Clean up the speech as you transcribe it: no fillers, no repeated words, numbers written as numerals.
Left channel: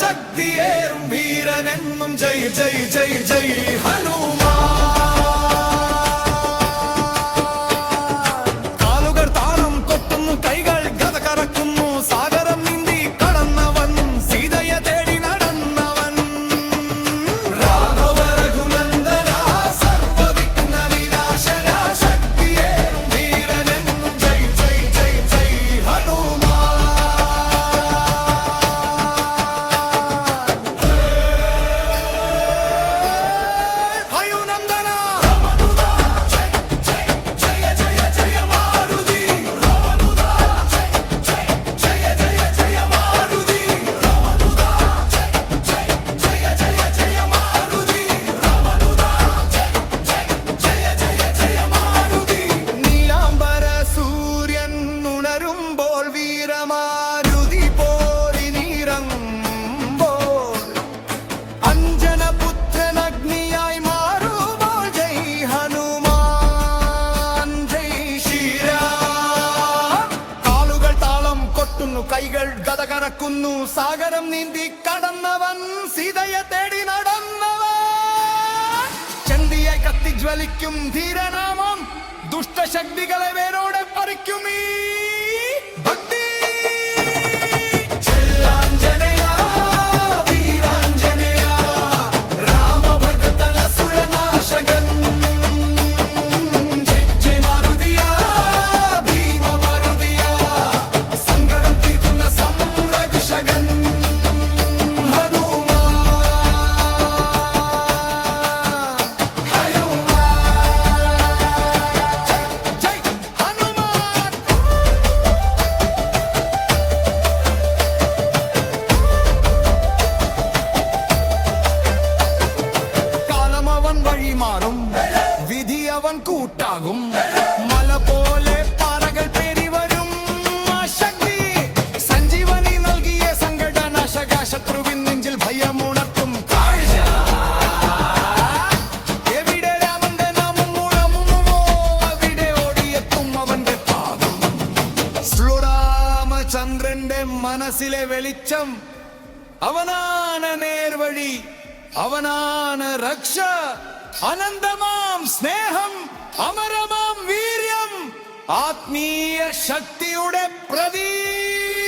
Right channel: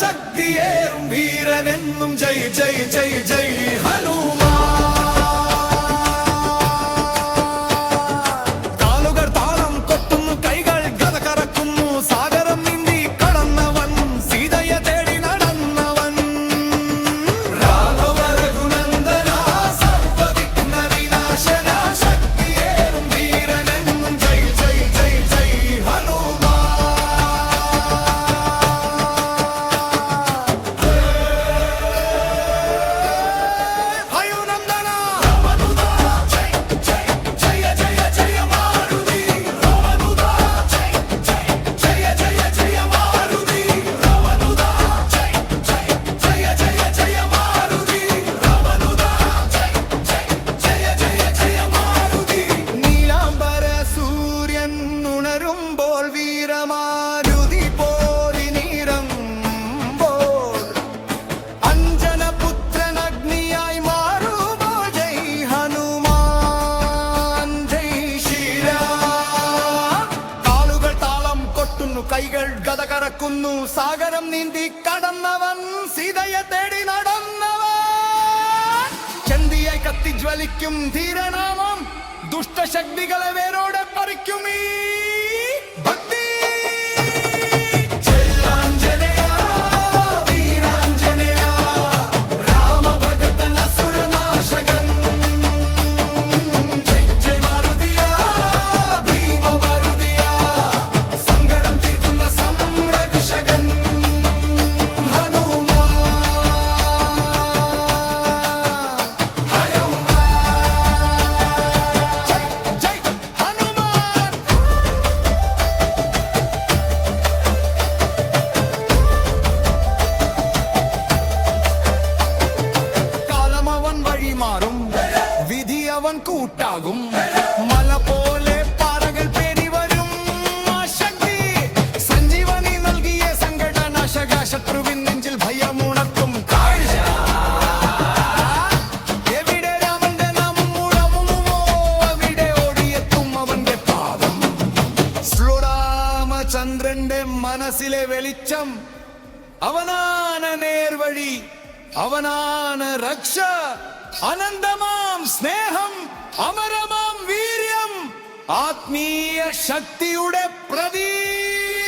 ശക്തിയേറും വീരനെന്നും ജയ് ജയ് ജയ് ജയ് ഹനുമാൻ. കാലുകൾ താളം കൊട്ടുന്നു, കൈകൾ ഗദ കറക്കുന്നു, സാഗരം നീന്തി കടന്നവൻ, സീതയെ തേടി നടന്നവൻ. രാഘവ രഘുനന്ദന സർവവിഘ്ന വിനാശന ശക്തിയേറും വീരനെന്നും ജയ് ജയ് ജയ് ജയ് ഹനുമാൻ. ഉണരുമ്പോൾ വീരമാരുതി പോരിനിറങ്ങുമ്പോൾ, അഞ്ജനപുത്രൻ അഗ്നിയായി മാറുമ്പോൾ ജയ് ഹനുമാൻ ജയ് ശ്രീരാം. കാലുകൾ താളം കൊട്ടുന്നു, കൈകൾ ഗദ കറക്കുന്നു, സാഗരം നീന്തി കടന്നവൻ, സീതയെ തേടി നടന്നവൻ. ചന്തിയായി കത്തിജ്വലിക്കും ധീരനാമം, ദുഷ്ടശക്തികളെ വേരോടെ പറിക്കും ഈ ഭക്തി. വഴി മാറും, വിധി അവൻ കൂട്ടാകും, മല പോലെ പാറകൾ പേരി വരും. ശക്തി സഞ്ജീവനി നൽകിയ സങ്കടനാശക, ശത്രുവിൻ നെഞ്ചിൽ ഭയമുണർത്തും കാഴ്ച. എവിടെ രാമന്റെ നാമം മുഴങ്ങുമോ, അവിടെ ഓടിയെത്തും അവന്റെ പാദം. ശ്രീരാമചന്ദ്രന്റെ മനസ്സിലെ വെളിച്ചം, അവനാണ് നേർവഴി, അവനാണ് രക്ഷ. അനന്തമാം സ്നേഹം, അമരമാം വീര്യം, ആത്മീയ ശക്തിയുടെ പ്രതീകം.